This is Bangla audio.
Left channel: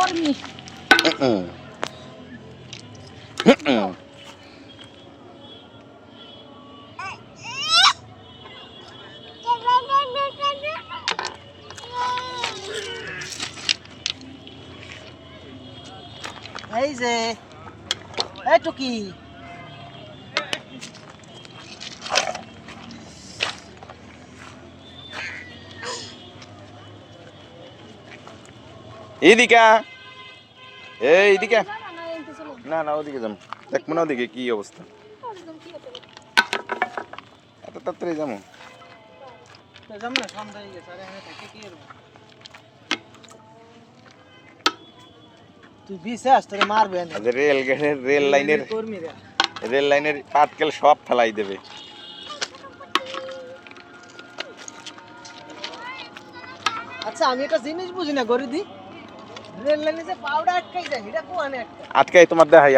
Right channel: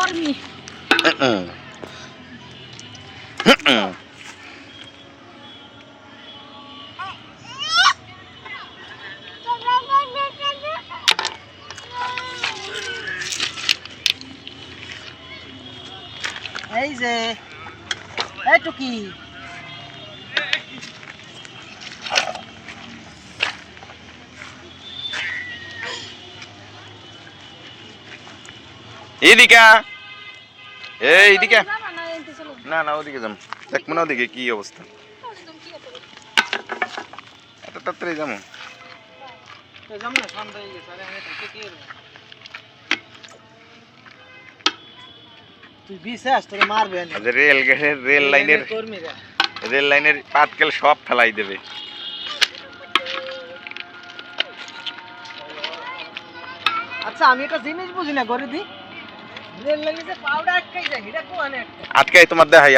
কর্মী। এই যে এইটু কি এইদিকে এইদিকে না না ওদিকে যাম দেখ মনে ওদিকে কি অবস্থা এত তাড়াতাড়ি যাবো তুই বিশ্বাস তোরে মারবে না রেল লাইনের পাতকেল সব ফেলাই দেবে আচ্ছা আমি একটা জিনিস বুঝি না গরিদি রেল লাইনে যে পাউডার আটকাই যায় এটা কোন একটা আটকাই তোমার দেখাই